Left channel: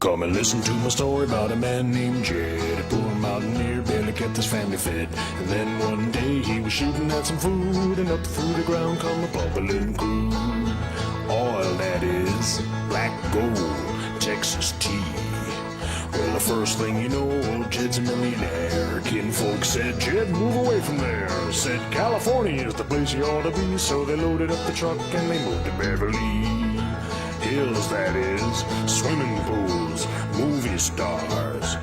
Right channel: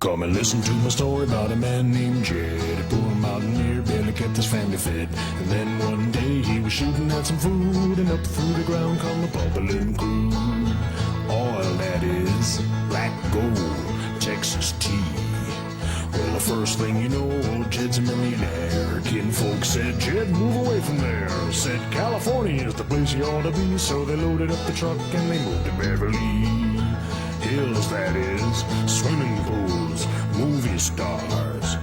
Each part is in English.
Come and listen to my story about a man named Jed, a poor mountaineer, barely kept his family fed. And then one day he was shooting at some food, and up through the ground come a bubbling crude. Oil, that is, black gold, Texas tea. Well, the first thing you know, old Jed's in the midair. Kinfolk said, Jed, move away from there. Said, California is the place you ought to be. So they loaded up the truck and they moved to Beverly Hills, that is, swimming pools, movie stars,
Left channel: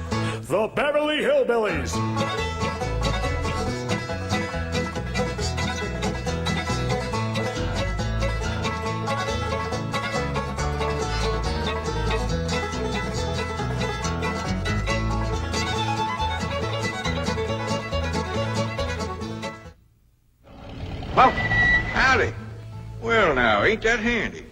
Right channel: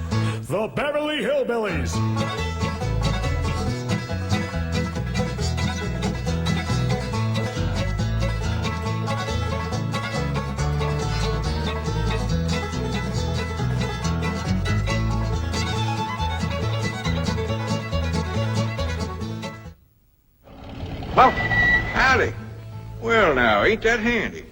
the Beverly Hillbillies. Well, howdy. Well, now, ain't that handy?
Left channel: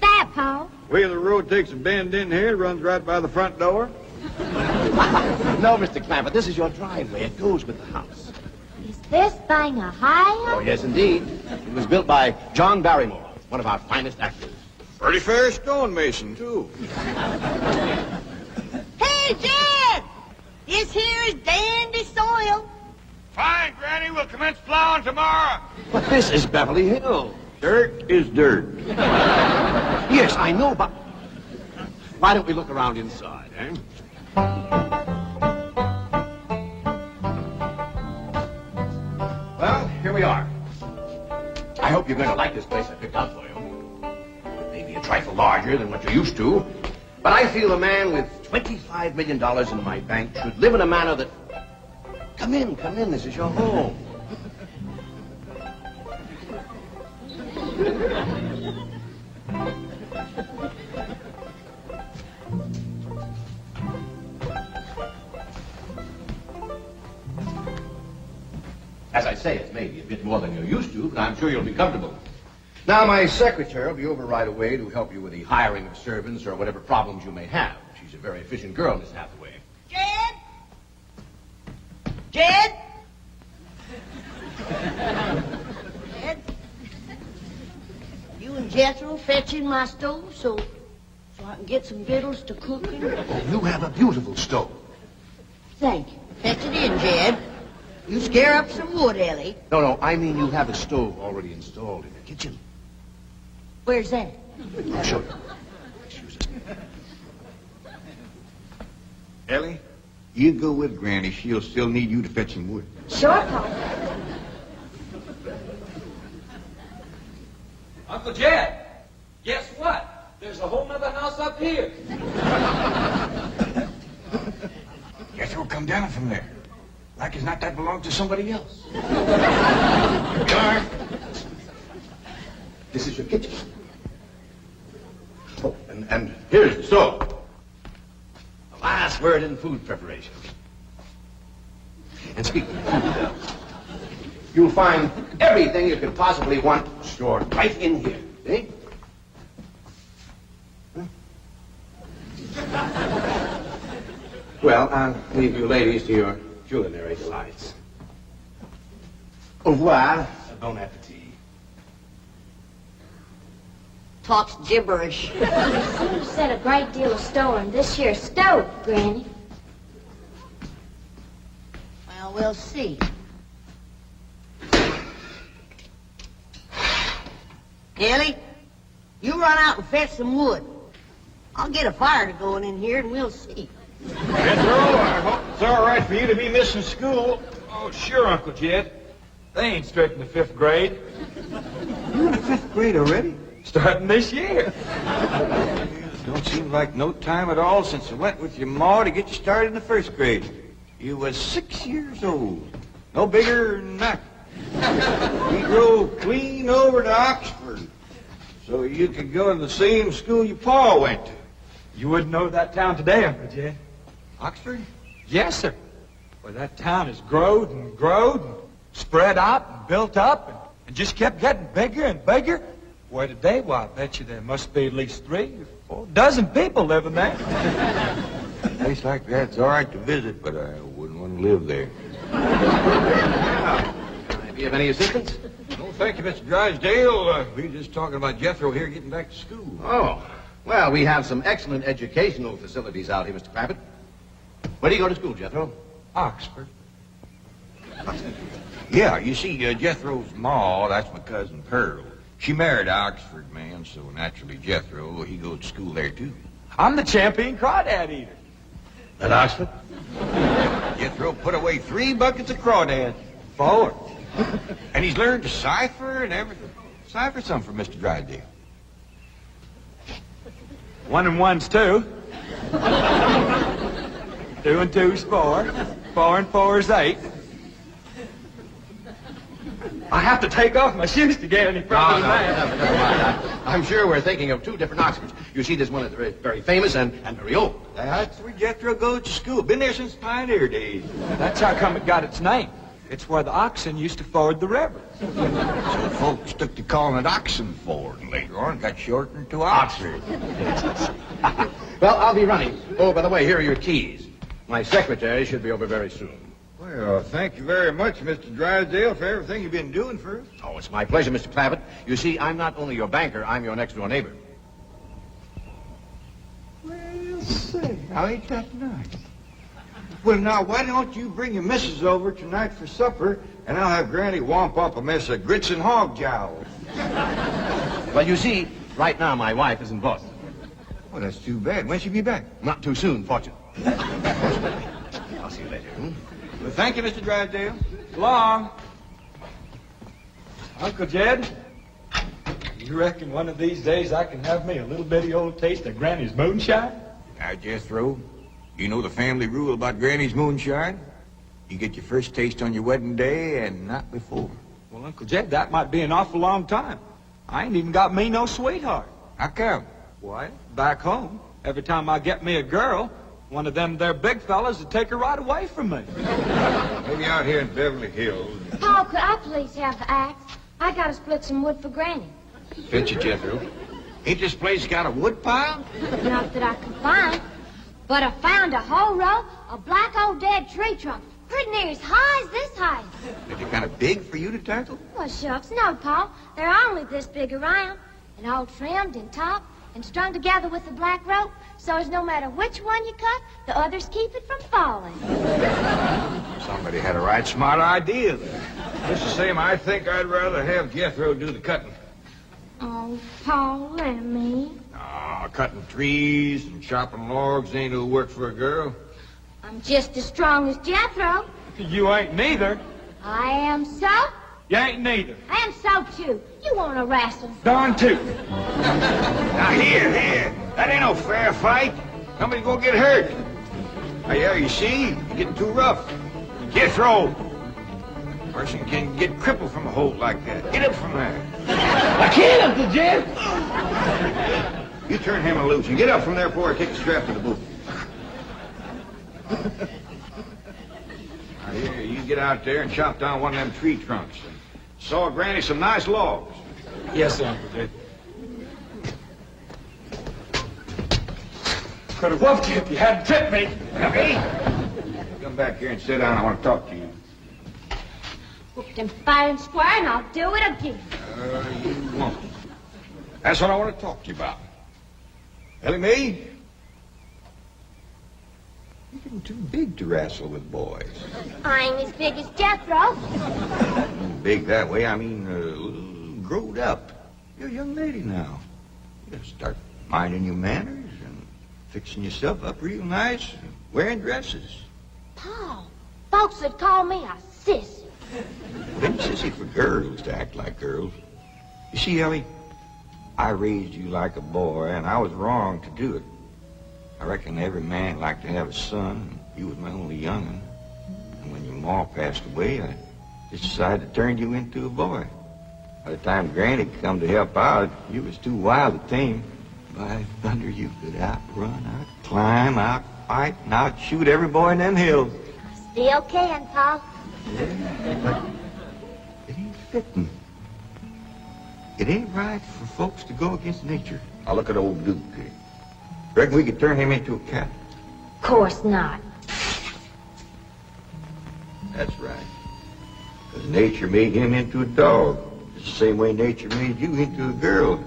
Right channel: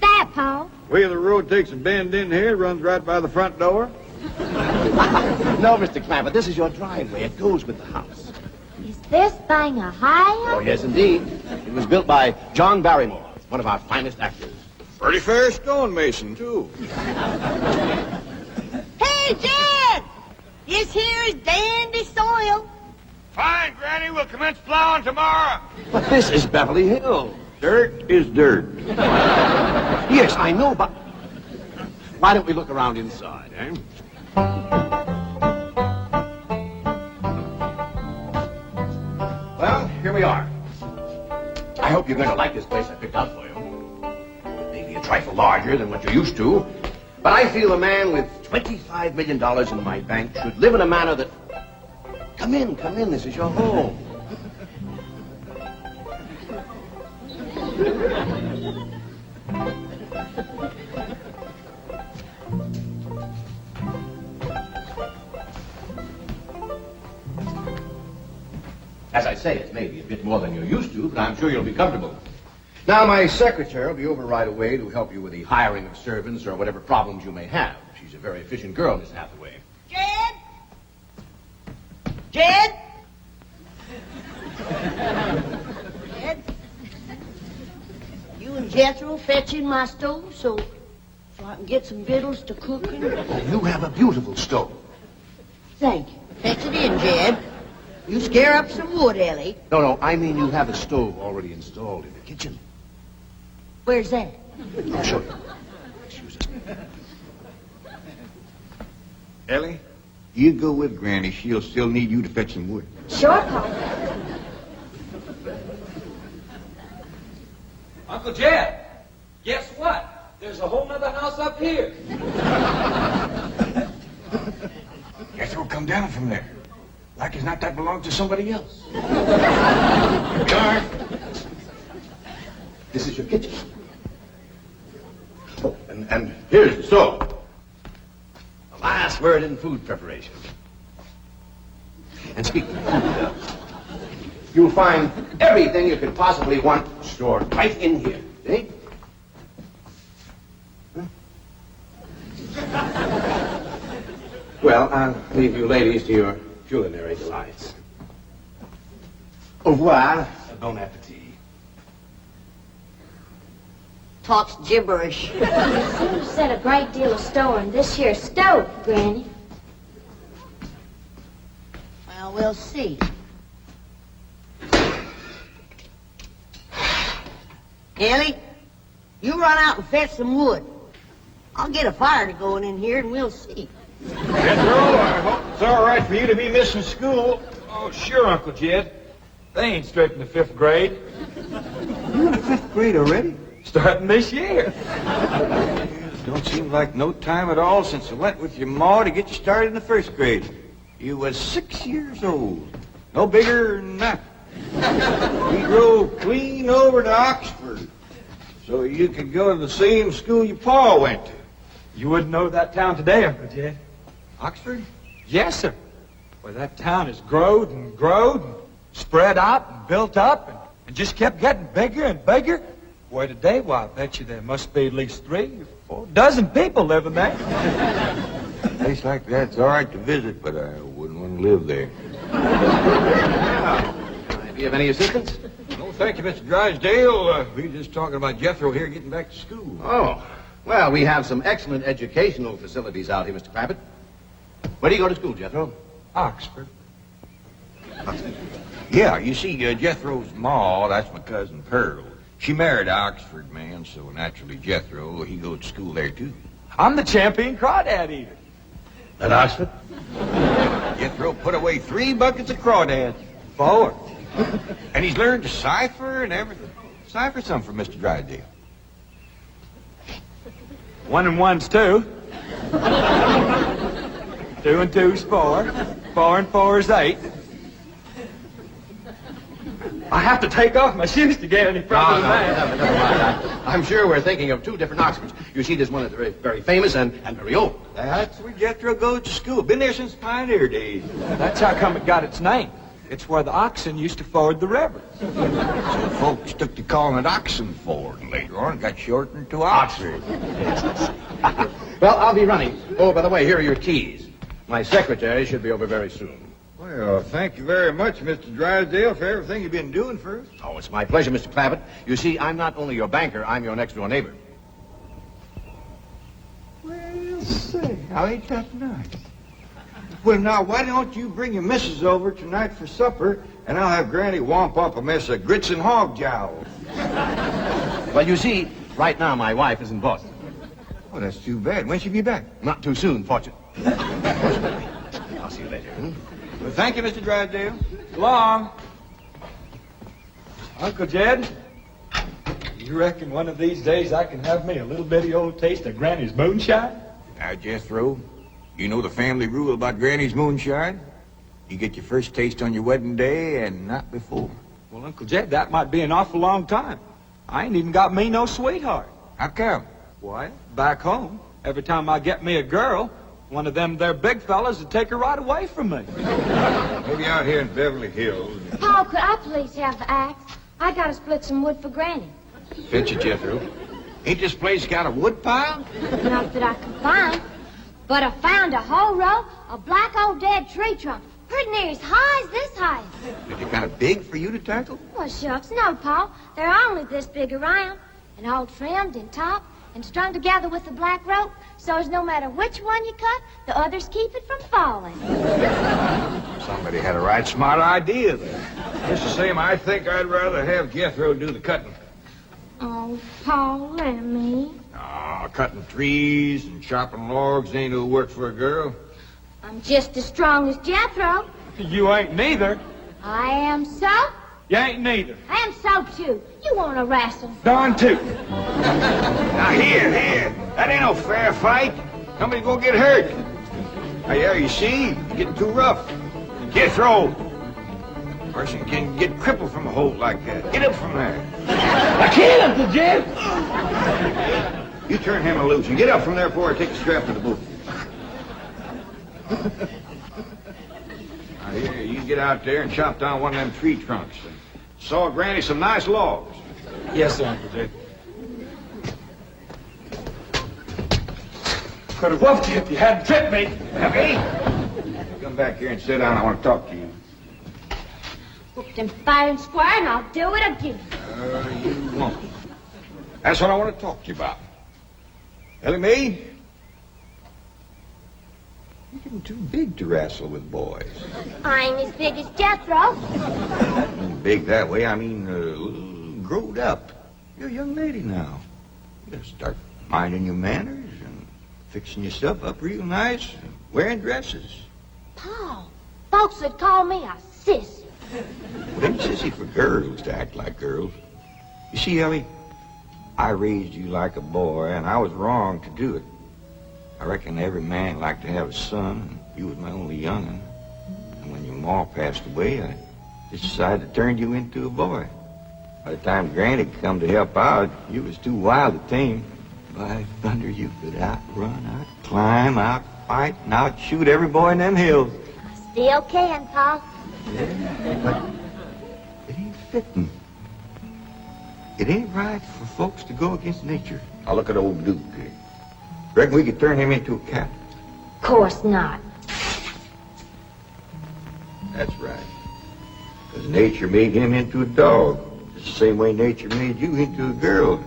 That, Pa? Where the road takes a bend in here, runs right by the front door. No, Mr. Clampett, this is your driveway. It goes with the house. Is this thing a high? Oh, yes, indeed. It was built by John Barrymore, one of our finest actors. Pretty fair stonemason, too. Hey, Jed! This here is dandy soil. Fine, Granny. We'll commence plowing tomorrow. But this is Beverly Hills. Dirt is dirt. Yes, I know, but why don't we look around inside, eh? Well, here we are. I hope you're going to like this place I picked out for you. Maybe a trifle larger than what you're used to, but I feel a man with $25 million in my bank should live in a manner that... Come in, this is your home. As I say, it may be a bit more than you're used to, but I'm sure you'll be comfortable. Now, my secretary will be over right away to help you with the hiring of servants or whatever problems you may have. She's a very efficient girl, Miss Hathaway. Jed? Jed? Jed? You and Jethro fetching my stove so I can get some victuals to cook in? Oh, you have a beautiful stove. Thank you. Fetch it in, Jed. You scare up some wood, Elly. No, I mean you have a stove already installed in the kitchen. Where's that? I'll show you. Excuse me. Ellie, you go with Granny. She'll still need you to fetch some wood. Sure, Pa. Uncle Jed, guess what? There's a whole nother house up here. Jethro come down from there. Like as not that belongs to somebody else. This is your kitchen. Oh, and here's the stove. The last word in food preparation. And speaking of food, you'll find everything you could possibly want stored right in here. Eh? Huh? Well, I'll leave you ladies to your culinary delights. Au revoir. Bon appetit. Talks gibberish. You seem to set a great deal of store in this here stove, Granny. Well, we'll see. Elly, you run out and fetch some wood. I'll get a fire going in here and we'll see. Jethro, I hope it's all right for you to be missing school. Oh, sure, Uncle Jed. They ain't straight in the 5th grade. You in the 5th grade already? Starting this year. Don't seem like no time at all since I went with your ma to get you started in the 1st grade. You was 6 years old. No bigger than that. We drove clean over to Oxford so you could go to the same school your pa went to. You wouldn't know that town today, Uncle Jed. Oxford? Yes, sir. Well, that town has growed and spread out and built up and just kept getting bigger and bigger. Why, today, I bet you there must be at least 3 or 4 dozen people living there. A place like that's all right to visit, but I wouldn't want to live there. Do you have any assistance? No, thank you, Mr. Drysdale. We were just talking about Jethro here getting back to school. Oh, Well, we have some excellent educational facilities out here, Mr. Clampett. Where do you go to school, Jethro? Oxford. Yeah, you see, Jethro's ma, that's my cousin Pearl. She married an Oxford man, so naturally Jethro, he goes to school there, too. I'm the champion crawdad eater. At Oxford? Jethro put away 3 buckets of crawdads. 4. And he's learned to cipher and everything. Cipher some for Mr. Drysdale. 1 and 1's 2. 2 and 2's 4. 4 and 4's 8. I have to take off my shoes to get any further than that. Never mind. I'm sure we're thinking of 2 different Oxfords. You see, there's one that's very, very famous and very old. That's where Jethro goes to school. Been there since pioneer days. That's how come it got its name. It's where the oxen used to ford the river. So folks took to calling it Oxenford, and later on it got shortened to Oxford. Well, I'll be running. Oh, by the way, here are your keys. My secretary should be over very soon. Well, thank you very much, Mr. Drysdale, for everything you've been doing for us. Oh, it's my pleasure, Mr. Clampett. You see, I'm not only your banker, I'm your next-door neighbor. Well, say, how ain't that nice? Well, now, why don't you bring your missus over tonight for supper, and I'll have Granny womp up a mess of grits and hog jowls. Well, you see, right now my wife is in Boston. Well, that's too bad. When'll she be back? Not too soon, fortunately. I'll see you later. Well, thank you, Mr. Drysdale. Long. Uncle Jed, you reckon one of these days I can have me a little bitty old taste of Granny's moonshine? Now, Jethro, you know the family rule about Granny's moonshine? You get your first taste on your wedding day and not before. Well, Uncle Jed, that might be an awful long time. I ain't even got me no sweetheart. How come? Why, back home, every time I get me a girl, one of them there big fellas would take her right away from me. Maybe out here in Beverly Hills. Paul, could I please have the axe? I gotta split some wood for Granny. Fetch it, Jethro. Ain't this place got a wood pile? Not that I can find, but I found a whole row of black old dead tree trunks, pretty near as high as this height. Are they kind of big for you to tackle? Well, shucks, no, Paul. They're only this big around, and all trimmed and topped and strung together with a black rope, so as no matter which one you cut, the others keep it from falling. Somebody had a right smart idea there. Just the same, I think I'd rather have Jethro do the cutting. Oh, Paul, let me. Cutting trees and chopping logs ain't no work for a girl. I'm just as strong as Jethro. You ain't neither. I am so. You ain't neither. I am so, too. You want to wrestle? Darn tootin'. Now, here. That ain't no fair fight. Somebody's gonna get hurt. Now, yeah, you see? You're getting too rough. Jethro. Person can get crippled from a hold like that. Get up from there. I can't, Uncle Jed. You turn him loose and get up from there before I take the strap to the boot. Now, here, you get out there and chop down one of them tree trunks and saw Granny some nice logs. Yes, sir, Uncle Jed. Could have whooped you if you hadn't tripped me. Hey, come back here and sit down. I want to talk to you. Whooped him fair and square, and I'll do it again. You won't. That's what I want to talk to you about. Elly, maid, you're getting too big to wrestle with boys. I ain't as big as Jethro. Big that way, I mean, growed up. You're a young lady now. You gotta start minding your manners and fixing yourself up real nice and wearing dresses. Paul, folks would call me a sissy. It ain't sissy for girls to act like girls. You see, Elly, I raised you like a boy, and I was wrong to do it. I reckon every man liked to have a son, and you was my only young'un. And when your ma passed away, I just decided to turn you into a boy. By the time Granny come to help out, you was too wild to tame. By thunder, you could outrun, out-climb, out-fight, and out-shoot every boy in them hills. Still can, Paul. Yeah, but it ain't fitting. It ain't right for folks to go against nature. Now look at old Duke here. Reckon we could turn him into a cat? Of course not. That's right. Because nature made him into a dog. It's the same way nature made you into a girl.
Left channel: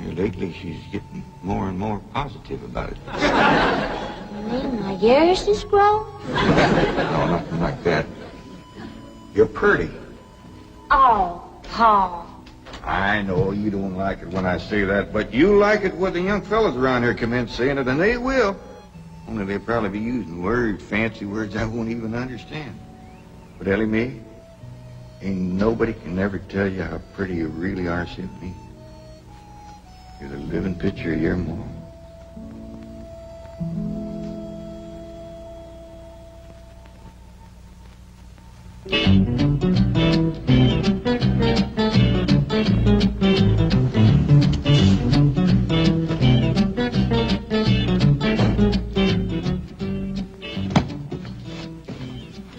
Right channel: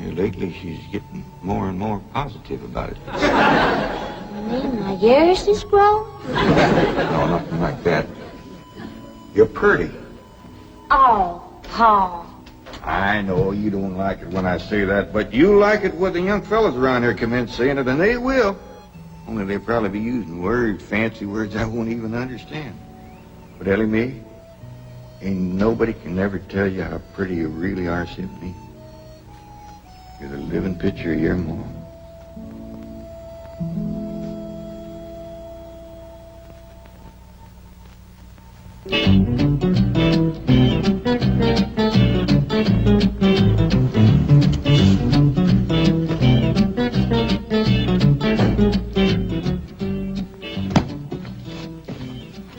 Yeah, lately she's getting more and more positive about it. You mean my ears is grown? No, nothing like that. You're pretty. Oh, Paul. I know you don't like it when I say that, but you like it when the young fellas around here commence saying it, and they will. Only they'll probably be using words, fancy words I won't even understand. But Elly, me, ain't nobody can ever tell you how pretty you really are, Symphony. You're the living picture of your mom.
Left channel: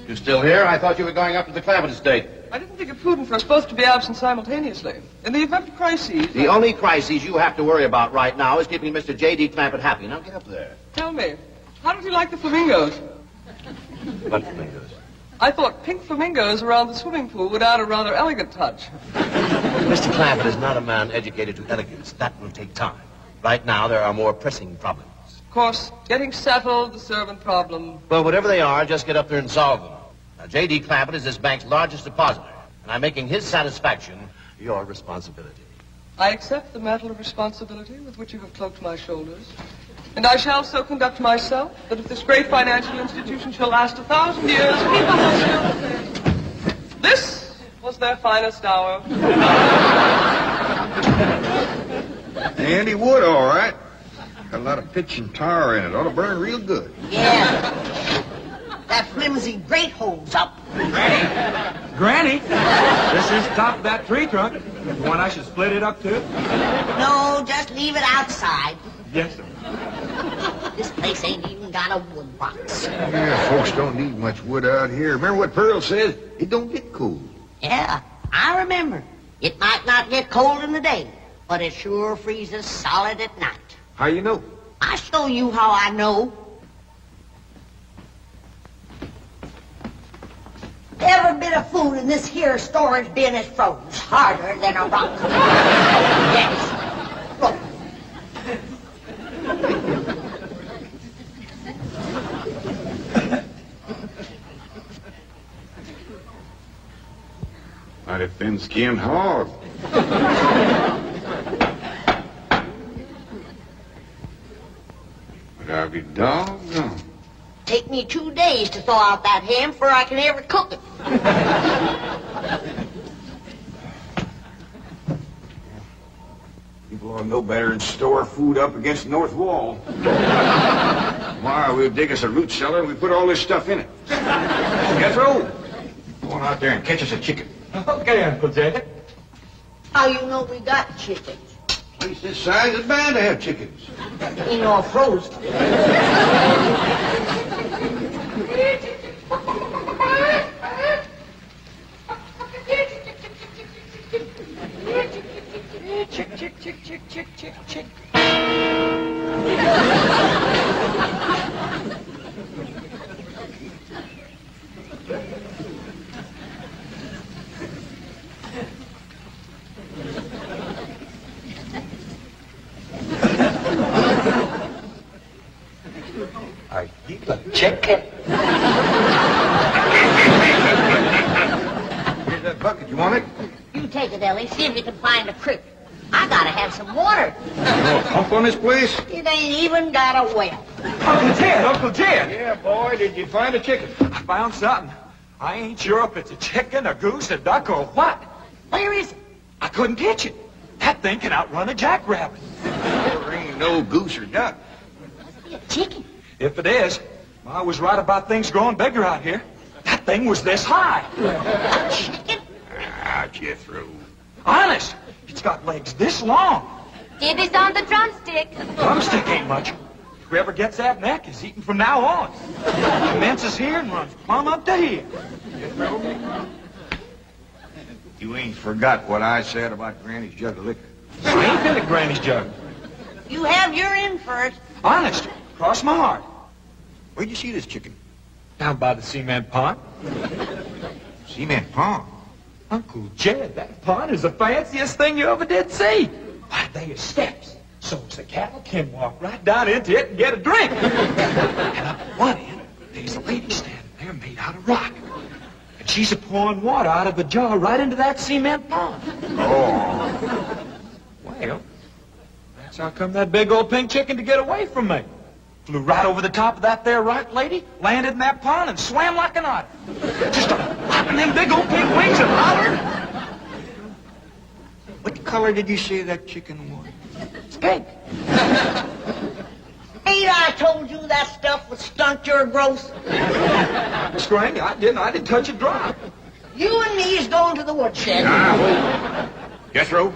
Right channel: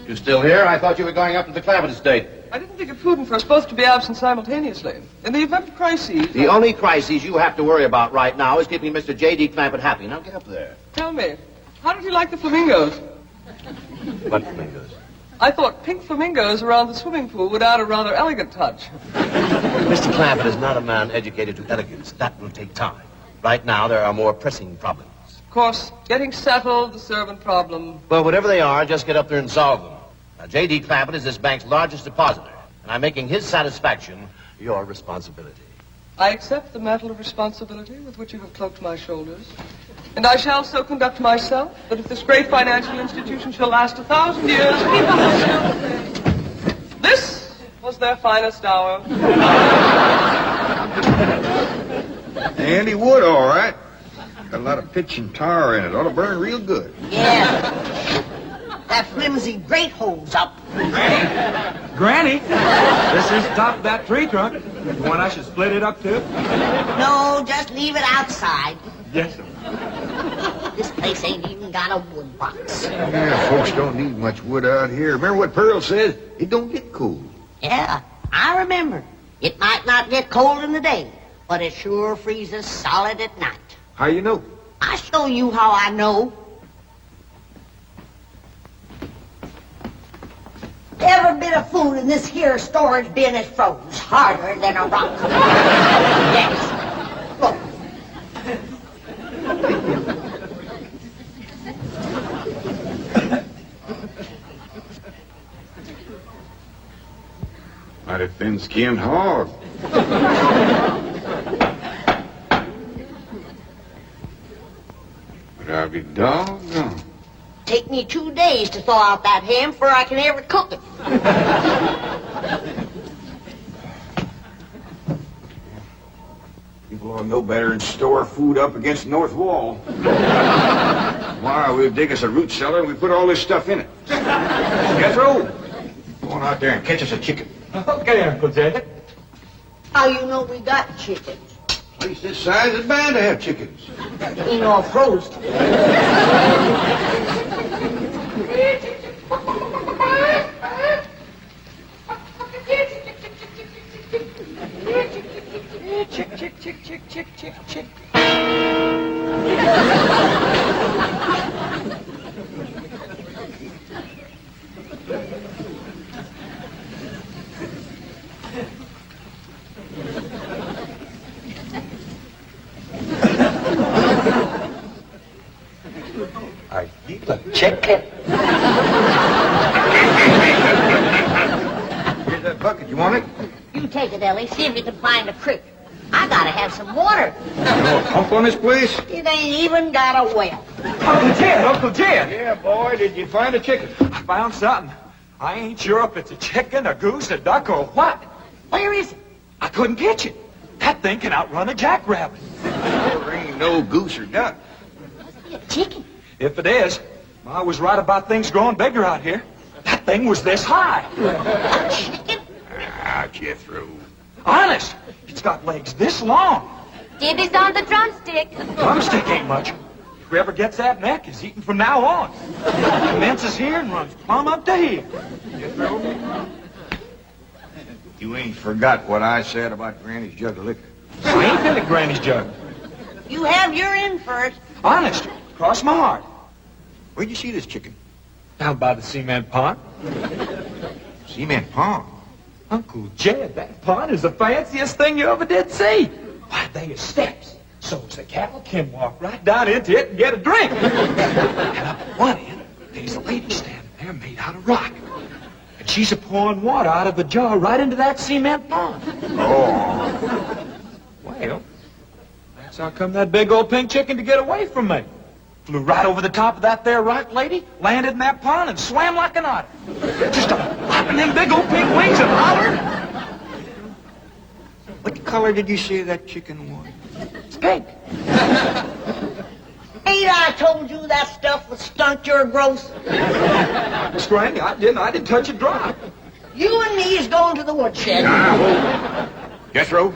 You still here? I thought you were going up to the Clampetts estate. I didn't think it prudent for us both to be absent simultaneously. In the event of crises... The only crises you have to worry about right now is keeping Mr. J.D. Clampett happy. Now get up there. Tell me, how did he like the flamingos? What flamingos? I thought pink flamingos around the swimming pool would add a rather elegant touch. Mr. Clampett is not a man educated to elegance. That will take time. Right now, there are more pressing problems. Of course, getting settled, the servant problem. Well, whatever they are, just get up there and solve them. Now, J.D. Clampett is this bank's largest depositor, and I'm making his satisfaction your responsibility. I accept the mantle of responsibility with which you have cloaked my shoulders. And I shall so conduct myself that if this great financial institution shall last 1,000 years, people will still say, this was their finest hour. Handy wood, all right. Got a lot of pitch and tar in it. Ought to burn real good. Yeah. That flimsy grate holds up. Granny, this is the top of that tree trunk. The one I should split it up to? No, just leave it outside. Yes, sir. This place ain't even got a wood box. Yeah, folks don't need much wood out here. Remember what Pearl says? It don't get cold. Yeah, I remember. It might not get cold in the day, but it sure freezes solid at night. How you know? I'll show you how I know. Every bit of food in this here storage bin is froze harder than a rock. Yes. Look. Mighty thin-skinned hog. But I'll be doggone. Take me 2 days to thaw out that ham before I can ever cook it. People ought to know better than store food up against the north wall. Tomorrow we'll dig us a root cellar and we put all this stuff in it. Jethro, go on out there and catch us a chicken. Okay, Uncle Jay. How you know we got chickens? Place this size is bound to have chickens. Ain't all frozen. Chick, chick, chick, chick, chick, chick, chick. I keep a chicken. Here's that bucket. You want it? You take it, Elly. See if you can find a creek. I gotta have some water. You know a pump on this place? It ain't even got a well. Uncle Jed, Uncle Jed. Yeah, boy. Did you find a chicken? I found something. I ain't sure if it's a chicken, a goose, a duck, or what. Where is it? I couldn't catch it. That thing can outrun a jackrabbit. There ain't no goose or duck. A chicken. If it is, I was right about things growing bigger out here. That thing was this high. A chicken? Ah, Jethro. Honest, it's got legs this long. Dibby's on the drumstick. Drumstick ain't much. Whoever gets that neck is eating from now on. Commences here and runs plumb up to here. You ain't forgot what I said about Granny's jug of liquor. I ain't been at Granny's jug. You have your in first. Honest, cross my heart. Where'd you see this chicken? Down by the cement pond. Cement pond. Uncle Jed, that pond is the fanciest thing you ever did see. why, they is steps. So as the cattle can walk right down into it and get a drink. And up at one end, there's a lady standing there made out of rock. And she's a-pouring water out of a jar right into that cement pond. Oh. Well, that's how come that big old pink chicken to get away from me. Flew right over the top of that there rock lady, landed in that pond, and swam like an otter. Just flapping them big old pink wings and hollered. What color did you say that chicken was? Skink. Ain't I told you that stuff would stunt your growth? Miss Granny, I didn't touch a drop. You and me is going to the woodshed. Jethro,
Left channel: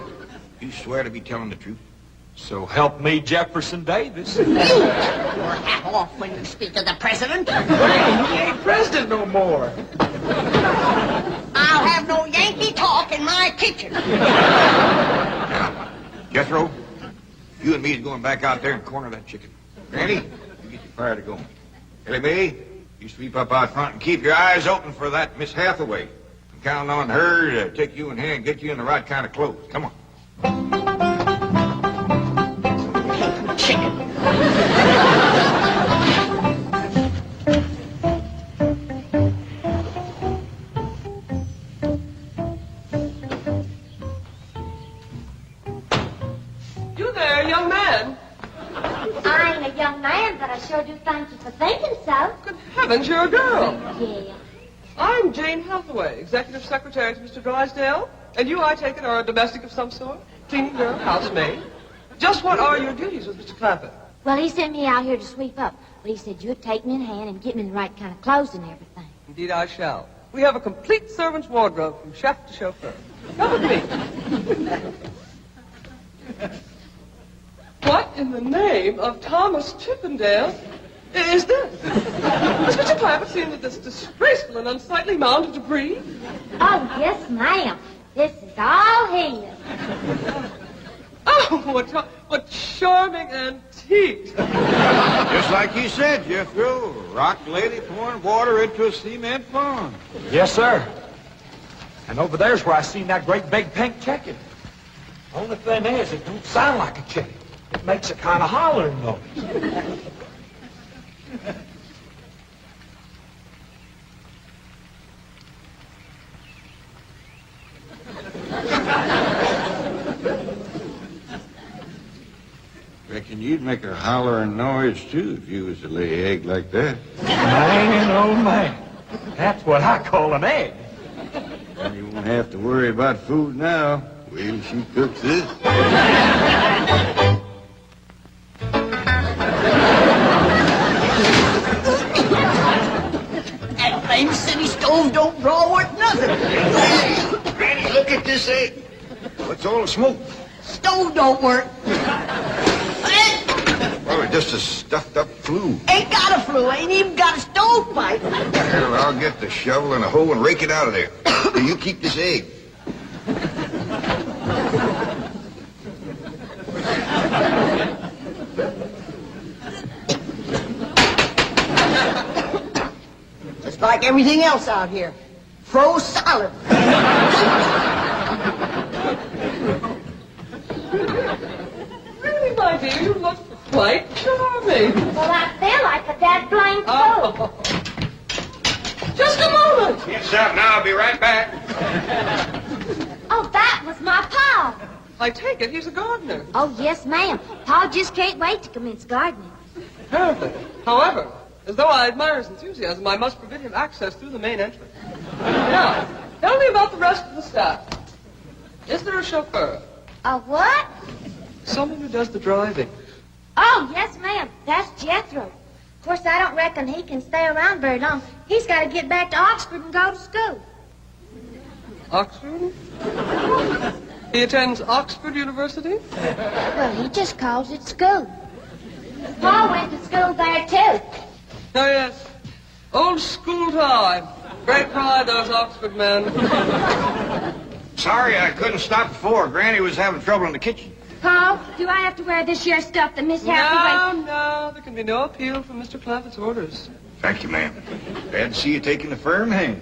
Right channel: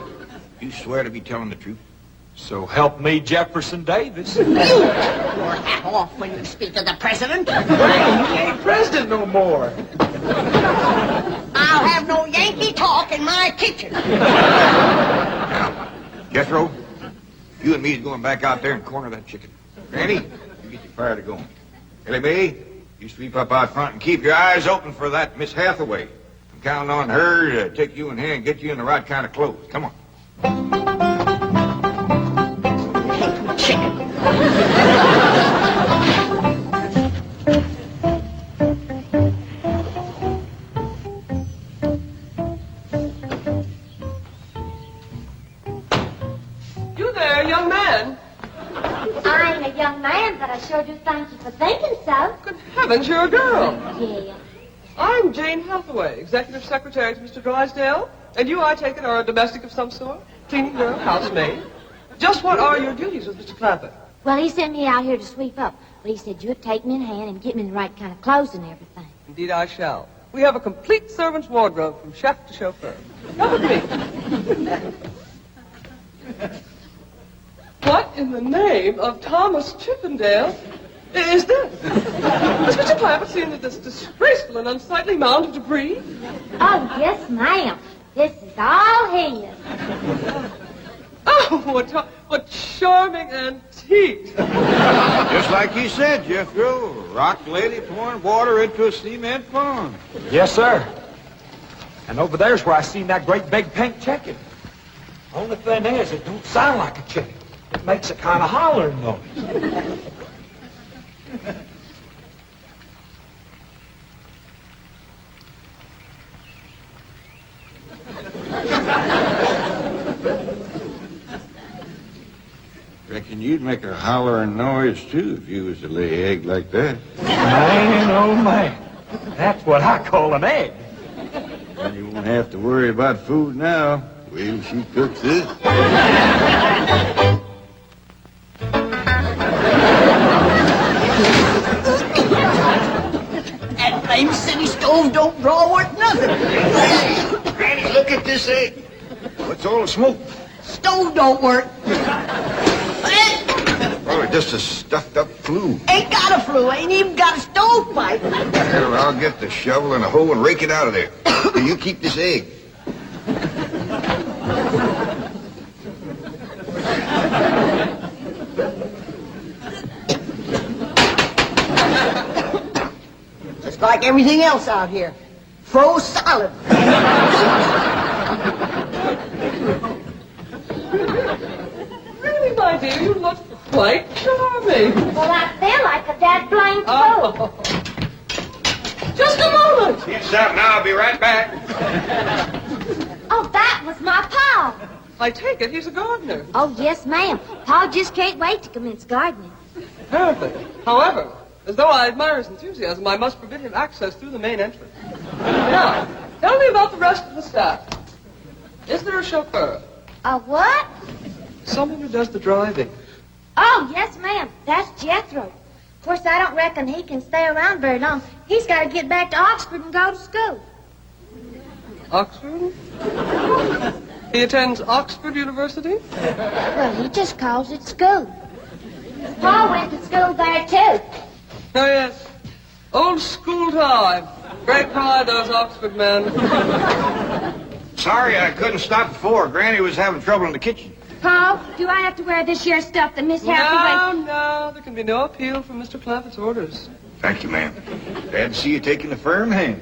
you swear to be telling the truth? So help me, Jefferson Davis. You keep your hat off when you speak of the president. He ain't president no more. I'll have no Yankee talk in my kitchen. Now, Jethro, you and me is going back out there and corner that chicken. Granny, you get your fire to going. Elly Mae, you sweep up out front and keep your eyes open for that Miss Hathaway. I'm counting on her to take you in hand and get you in the right kind of clothes. Come on. Chicken. You there, young man. I ain't a young man, but I sure do thank you for thinking so. Good heavens, you're a girl. Yeah. I'm Jane Hathaway, executive secretary to Mr. Drysdale. And you, I take it, are a domestic of some sort? Cleaning girl, housemaid? Just what are your duties with Mr. Clampett? Well, he sent me out here to sweep up. But he said you'd take me in hand and get me in the right kind of clothes and everything. Indeed, I shall. We have a complete servant's wardrobe from chef to chauffeur. Come with me. What in the name of Thomas Chippendale is this? Has Mr. Clampett seen this disgraceful and unsightly mound of debris? Oh, yes, ma'am. This is all his. Oh, what charming antique. Just like you said, Jethro. Rock lady pouring water into a cement pond. Yes, sir. And over there's where I seen that great big pink chicken. Only thing is, it don't sound like a chicken. It makes a kind of hollering noise. Reckon you'd make a hollering noise, too, if you was to lay an egg like that. Man, oh, man. That's what I call an egg. And you won't have to worry about food now. Wait till she cooks this. That flame city stove don't draw worth nothing. Granny, look at this egg. What's all the smoke? Stove don't work. Probably just a stuffed-up flue. Ain't got a flue, ain't even got a stovepipe. Well, I'll get the shovel and a hoe and rake it out of there. You keep this egg. Just like everything else out here. Froze solid. Really, my dear, you look quite charming. Well, I feel like a dead blank fool. Oh. Just a moment. Get something, I'll be right back. Oh, that was my pa. I take it he's a gardener. Oh, yes, ma'am. Pa just can't wait to commence gardening. Perfect. However, as though I admire his enthusiasm, I must forbid him access through the main entrance. Now, tell me about the rest of the staff. Is there a chauffeur? A what? Someone who does the driving. Oh, yes, ma'am. That's Jethro. Of course, I don't reckon he can stay around very long. He's got to get back to Oxford and go to school. Oxford? He attends Oxford University? Well, he just calls it school. Pa went to school there, too. Oh, yes. Old school time. Great pride, those Oxford men. Sorry I couldn't stop before. Granny was having trouble in the kitchen. Pa, do I have to wear this here stuff that Miss Hathaway... No, there can be no appeal from Mr. Clampett's orders. Thank you, ma'am. Glad to see you taking a firm hand.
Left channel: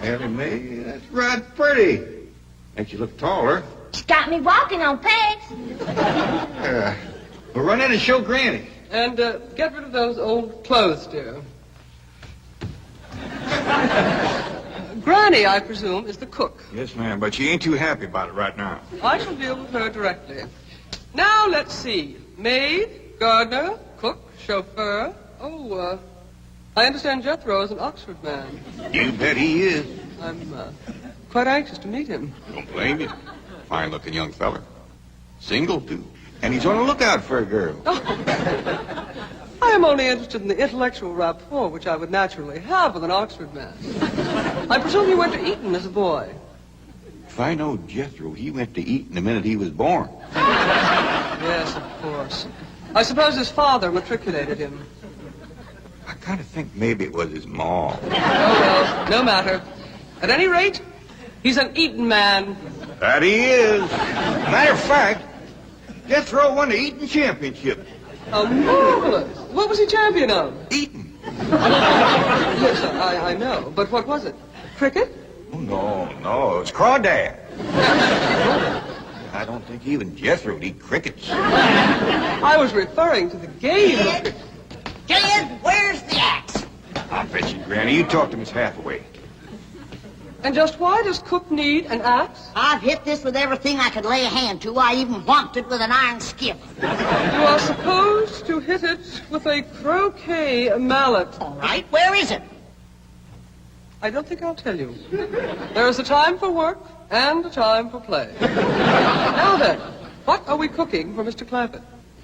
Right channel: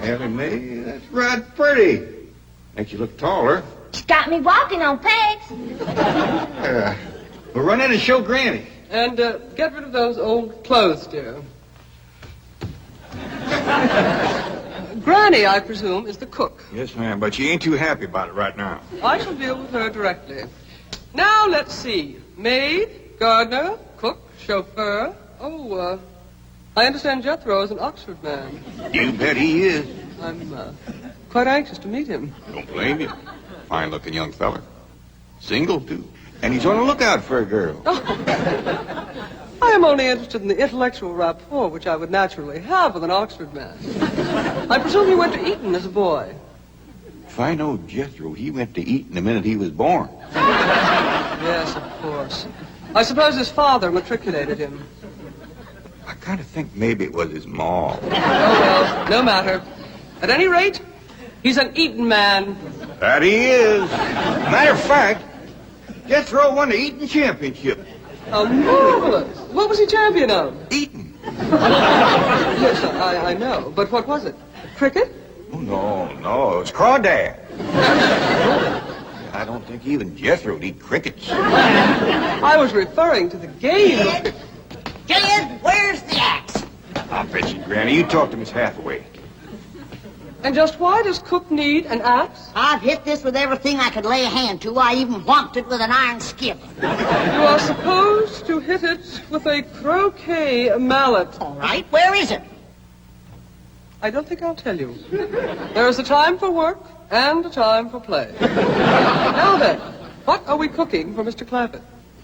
Elly Mae, that's right pretty. Makes you look taller. She's got me walking on pegs. We'll run in and show Granny. And get rid of those old clothes, dear. Granny, I presume, is the cook. Yes, ma'am, but she ain't too happy about it right now. I shall deal with her directly. Now, let's see. Maid, gardener, cook, chauffeur. Oh, I understand Jethro is an Oxford man. You bet he is. I'm quite anxious to meet him. Don't blame you. Fine-looking young feller. Single, too. And he's on the lookout for a girl. I am only interested in the intellectual rapport which I would naturally have with an Oxford man. I presume you went to Eton as a boy. If I know Jethro, he went to Eton the minute he was born. Yes, of course. I suppose his father matriculated him. I kind of think maybe it was his ma. Oh, well, no matter. At any rate, he's an Eton man. That he is. Matter of fact, Jethro won the Eton championship. How marvelous. What was he champion of? Eton. Yes, I know. But what was it? Cricket? Oh, no, it was crawdad. I don't think even Jethro would eat crickets. I was referring to the game of cricket. Kid, where's the axe? I'll bet you, Granny. You talk to Miss Hathaway. And just why does Cook need an axe? I've hit this with everything I could lay a hand to. I even whomped it with an iron skip. You are supposed to hit it with a croquet mallet. All right, where is it? I don't think I'll tell you. There is a time for work and a time for play. Now then, what are we cooking for Mr. Clampett?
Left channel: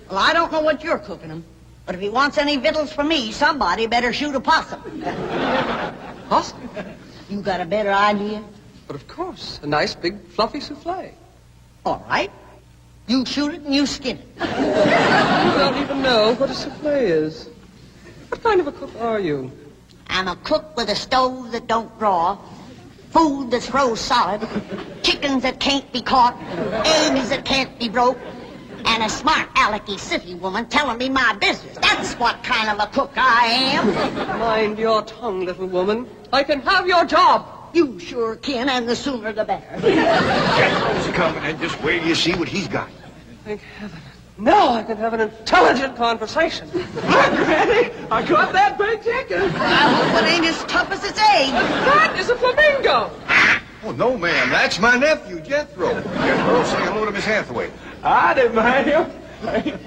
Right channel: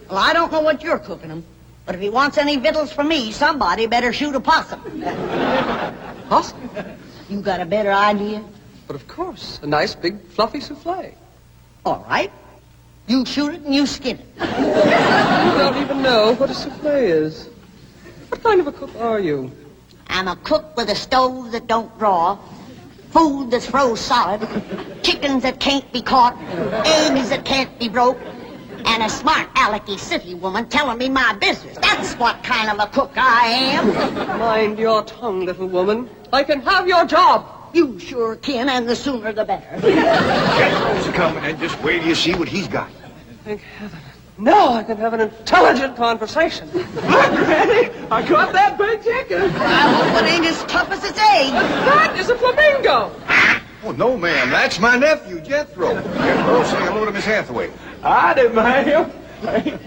Well, I don't know what you're cooking him, but if he wants any victuals from me, somebody better shoot a possum. Possum? You got a better idea? But of course, a nice big fluffy souffle. All right. You shoot it and you skin it. You don't even know what a souffle is. What kind of a cook are you? I'm a cook with a stove that don't draw, food that's froze solid, chickens that can't be caught, eggs that can't be broke, and a smart alecky city woman telling me my business. That's what kind of a cook I am. Mind your tongue, little woman. I can have your job. You sure can, and the sooner the better. Jethro's coming, and just wait till you see what he's got. Thank heaven. Now I can have an intelligent conversation. Look, Granny, I got that big chicken. I hope it ain't as tough as its egg. That is a flamingo. Oh, no, ma'am. That's my nephew, Jethro. Jethro, say hello to Miss Hathaway. I didn't mind him.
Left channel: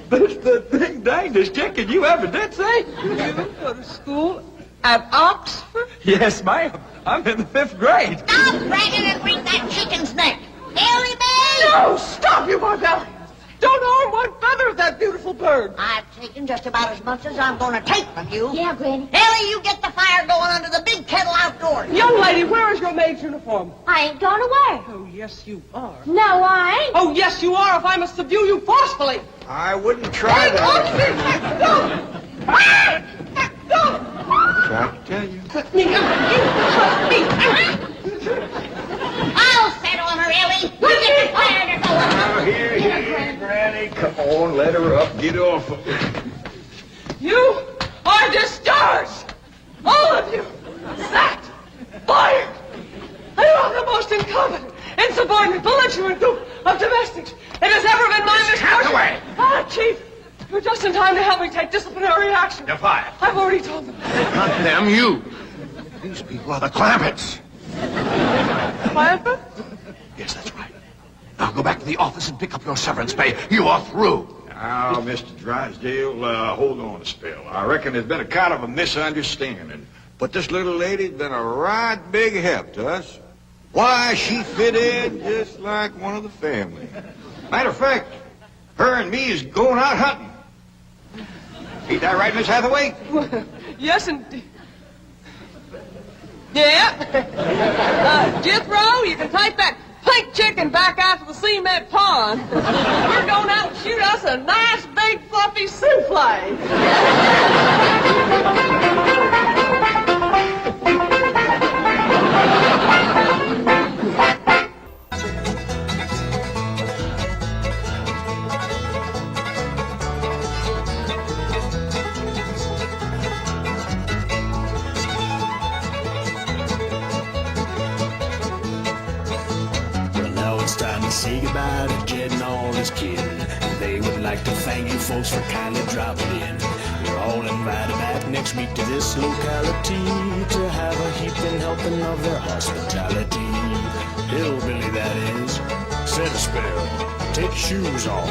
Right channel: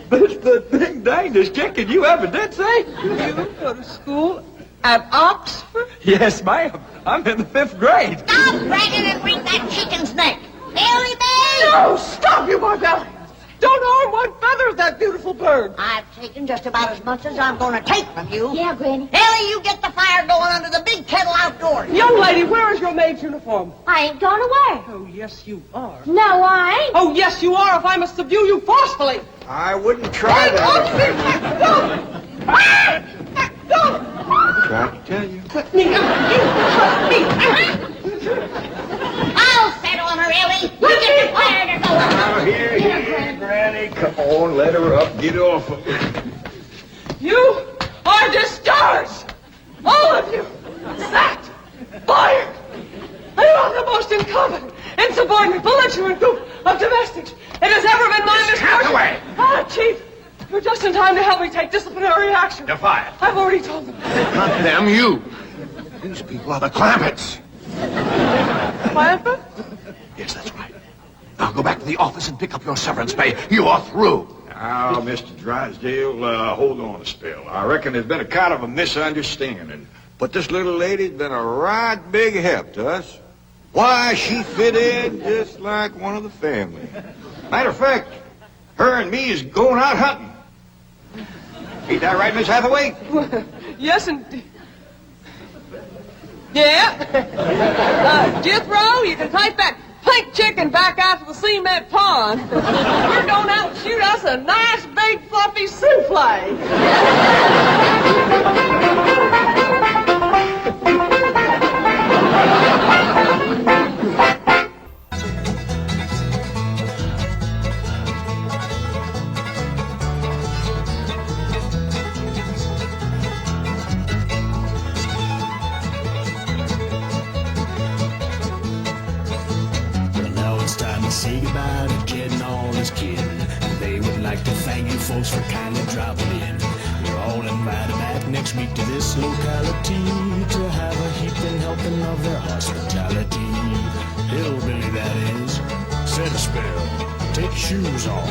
This the big dangest chicken you ever did see. You go to school at Oxford? Yes, ma'am. I'm in the 5th grade. Stop bragging and wring that chicken's neck. Elly, babe! No, stop, you barbarian. Don't harm one feather of that beautiful bird. I've taken just about as much as I'm going to take from you. Yeah, Granny. Elly, you get the fire going under the big kettle outdoors. Young lady, where is your maid's uniform? I ain't gone away. Oh, yes, you are. No, I ain't. Oh, yes, you are if I must subdue you forcefully. I wouldn't try that. Tried to tell you. I'll set on her, Elly. You get the fire to go. Now, here, Granny. Come on, let her up. Get off of her. You are discharged. All of you. Sacked. Fired. And you are the most incompetent, insubordinate, belligerent group of domestics it has ever been my misfortune. Hathaway! Ah, Chief. You're just in time to help me take disciplinary action. You're fired. I've already told them. Not them, you. These people are the Clampetts. Clampett? Yes, that's right. Now go back to the office and pick up your severance pay. You are through. Now, Mr. Drysdale, hold on a spell. I reckon there's been a kind of a misunderstanding. But this little lady's been a right big help to us. Why, she fit in just like one of the family. Matter of fact, her and me is going out hunting. Ain't that right, Miss Hathaway? Yes, indeed. Yeah. Jethro, you can take that pink chicken back out to the cement pond. We're going out and shoot us a nice big fluffy souffle. Well, now it's time to say goodbye of their hospitality. Hillbilly, that is. Said a spell. Take your shoes off.